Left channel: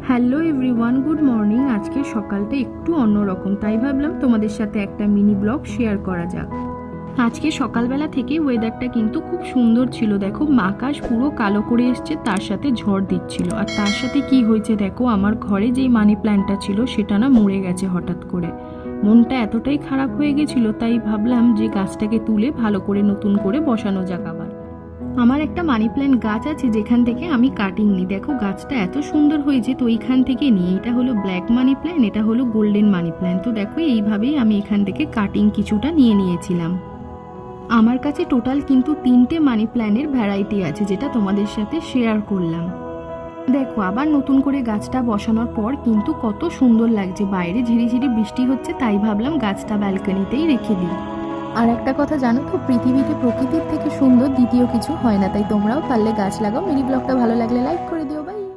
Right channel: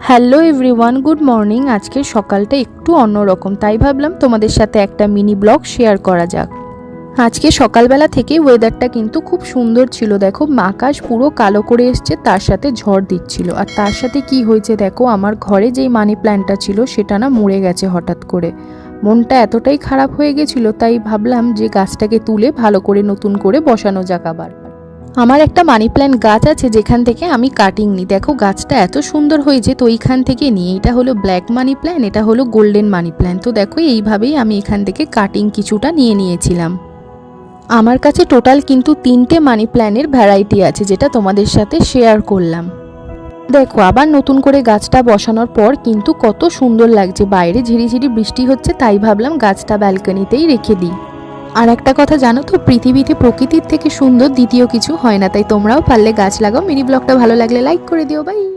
Hello everyone, good morning. আজকে সকালটা একটু অন্যরকম, তাই ভাবলাম তোমাদের সাথে একটা মিনি ব্লগ শেয়ার করা যাক। আজকে সকালবেলা থেকে ওয়েদারটা কিন্তু খুব সুন্দর ছিল। দেখো আকাশ পুরো কালো করে এসছে, তার সাথে ঝড় দিচ্ছিল। আর তার সাথে কি হয়েছে দেখো, আমার ঘরে যেই মানি প্ল্যান্টটা ছিল সেটা না মরে গেছে হঠাৎ করে। মনটা এতটাই খারাপ হয়ে গেছিলো, তাই ভাবলাম যে গাছটাকে তুলে ভালো করে নতুন করে বসানো যাক। আবার আমার একটা মানি প্ল্যান্ট গাছ আছে যেখান থেকে আমি কাটিং নিই। দেখো গাছটা এত সুন্দর হয়েছে, তো এইখান থেকে নিই। এটা হলো ব্ল্যাক মানি প্ল্যান্ট, এটা হলো গোল্ডেন মানি প্ল্যান্ট। তো দেখো এইভাবেই আমি এখান থেকে কাটিং কিছুটা নিয়ে নিয়েছিলাম। আমার কাছে টোটাল কিন্তু 3টে মানি প্ল্যান্টের ভ্যারাইটি আছে, যেটা তোমাদের সাথে শেয়ার করলাম। দেখো আবার নতুন করে গাছটা বসানোর পর কিন্তু কত সুন্দর লাগছে। বাইরে ঝিরিঝিরি বৃষ্টি হচ্ছে, তাই ভাবলাম গাছটা ব্যালকনিতেই রেখে দিই। আর একটা কথা জানো তো, পৃথিবীতে প্রকৃতির থেকে সুন্দর দ্বিতীয় কিছু হয় না। তাই তোমরাও পারলে গাছ লাগাও। মিনি ব্লগটা ভালো লাগলে লাইক করে দিও। বাই।